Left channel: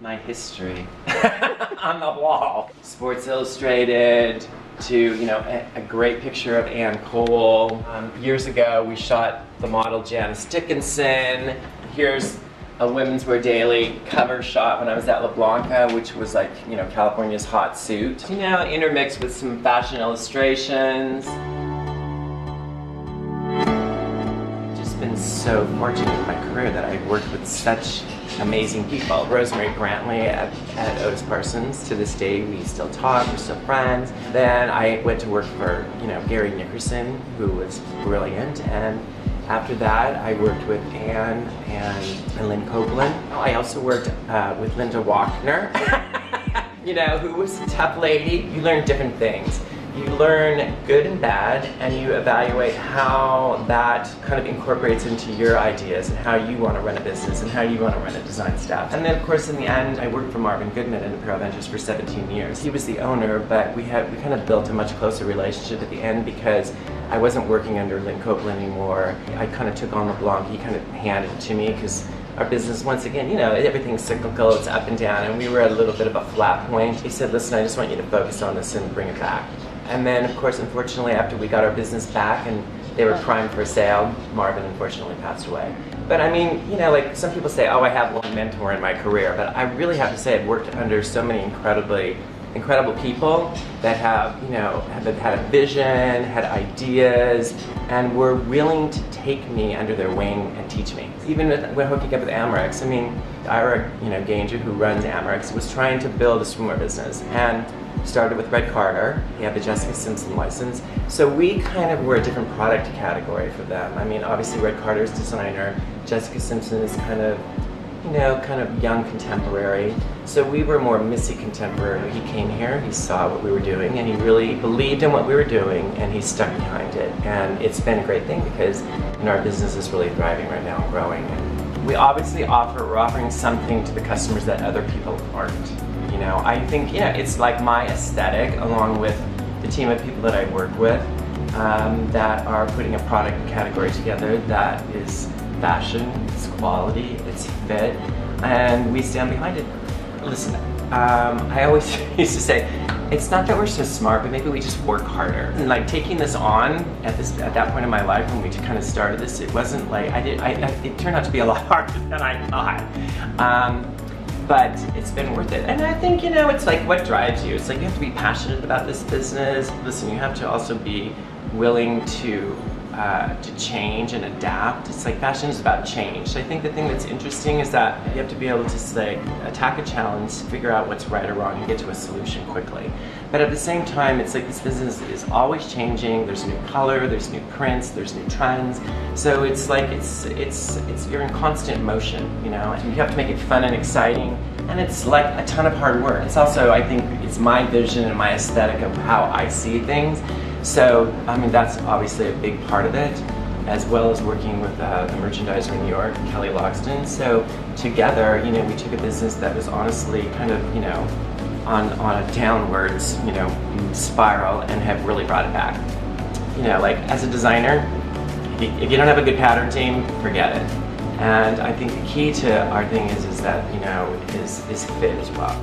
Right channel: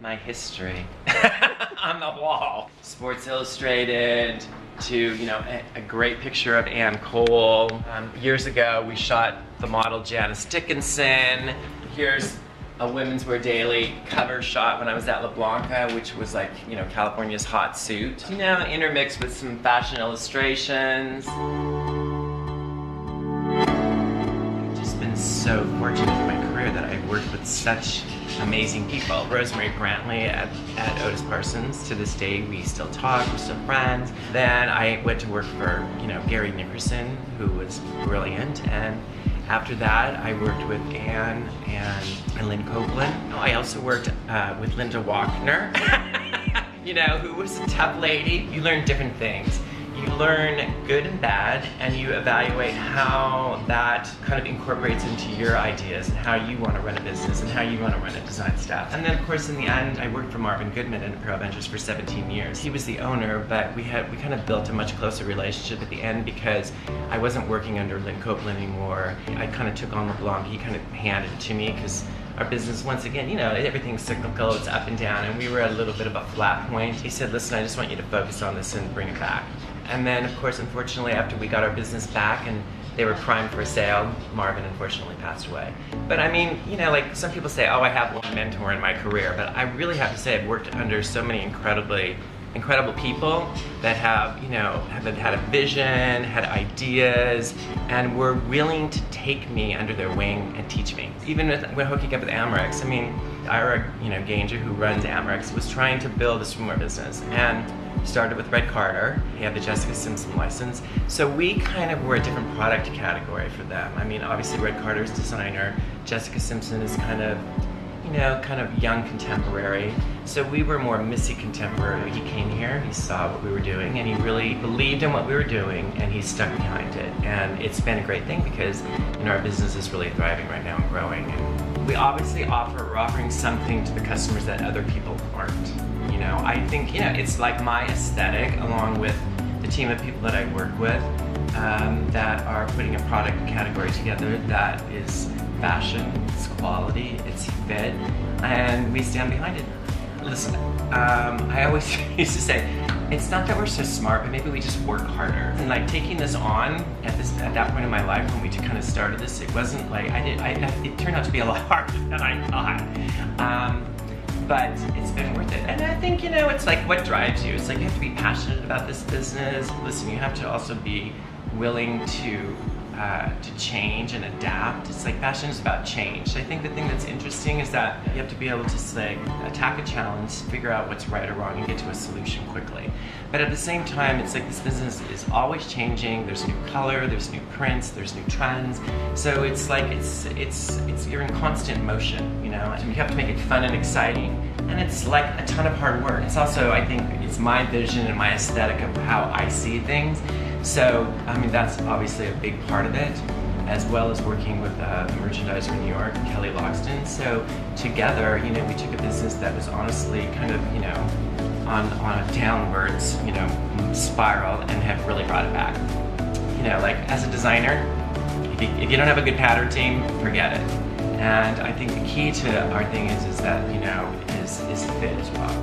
my history on the wall. Sports Illustrated to, you know, a great picture of Ann Cole. Years ago, we shot the model Janice Dickinson. Here's a Women's Wear Daily cover shot when I was at La Blanca, which was like, you know, California's hot suit. You know, intermixed with some fashion illustrations. I've just been so fortunate in my career that I've worked with such amazing people. Rosemary Brantley at Otis Parsons. To this day, we still talk, we're still friends. Then I went to work for, you know, Gary Nickerson, who was brilliant. And after that, I worked with Anne and Lynn Copeland. I also worked with Linda Walkner, you know, who was a tough lady. You learn different things. You learn good and bad, and you evaluate how that kind of incorporates into your ideas and how you want to run a business and how you want to run a design staff. And then, of course, in the end, I worked for Marvin Goodman at Apparel Ventures for 17 years. He was the owner, but we kind of built a much closer relationship at the end because I wasn't working under Lynn Copeland anymore. I kind of took on LeBlanc. He kind of handed it to me because our business, once again, you know, everything's cyclical, it's up and down, and we were at a little bit of a flat point. He said, listen, I just want you to focus on this and bring it back. And then, of course, unfortunately, after we got our business back and they were primed for sale, Marvin unfortunately passed away. But I mean, you know, like some people say, oh, I have one mentor in my career, but I really have to say I've worked under so many incredible people that have, you know, have had a vision, had ideas, and were willing to take me under their wing and teach me. Even when hooking up with Amerex, I mean, Ira, you know, Ganger, who runs Amerex, was trying to build a swimwear business and started with Red Carter. He had the Jessica Simpson license. So we kind of were a different product category for them. I mean, obviously Red Carter's designer, Jessica Simpson is kind of, you know, kind of young contemporary. So we were more Missy contemporary. He came here, he saw what we were doing, and he really believed in what we were doing, and he stuck behind it. And it's been a great thing because, you know, our business is really thriving right now and growing. And we obviously we're offering something to the customers that other people aren't. You know, I think, you know, it's like my aesthetic along with the team of people that I work with that are putting a product category together that is fashion, it's quality, it's fit, and we stand behind it. Listen, I always used to say, it's not that we're so smart, but maybe we just work harder. And like taking this on at that point in my life when we kind of started this, it wasn't like, it turned out to be a lot harder than I thought. But it's been worth it. And I think, you know, it's like what drives you. It's like you have to be passionate about this business. Listen, you have to also be willing to change and adapt. It's like fashion is about change. So I think the thing that's interesting is that you have to be able to say, attack a challenge, figure out what's right or wrong, and get to a solution quickly. But at the same time, it's like this business is always changing. There's new color, there's new prints, there's new trends. So it's like you're in constant motion, you know. And you have to make it fun and exciting, and it's like a ton of hard work. It's also, I think, it's my vision and my aesthetic of how I see things. So, I mean, that's obviously a big part of it, as well as working with the merchandiser in New York, Kelly Loxton. So together, you know, we took a business that was honestly kind of, you know, on a downwards, you know, spiral, and have really brought it back. You know, like as a designer, if you don't have a good pattern team, forget it. And I think the key to our thing is that, you know, is fit as well.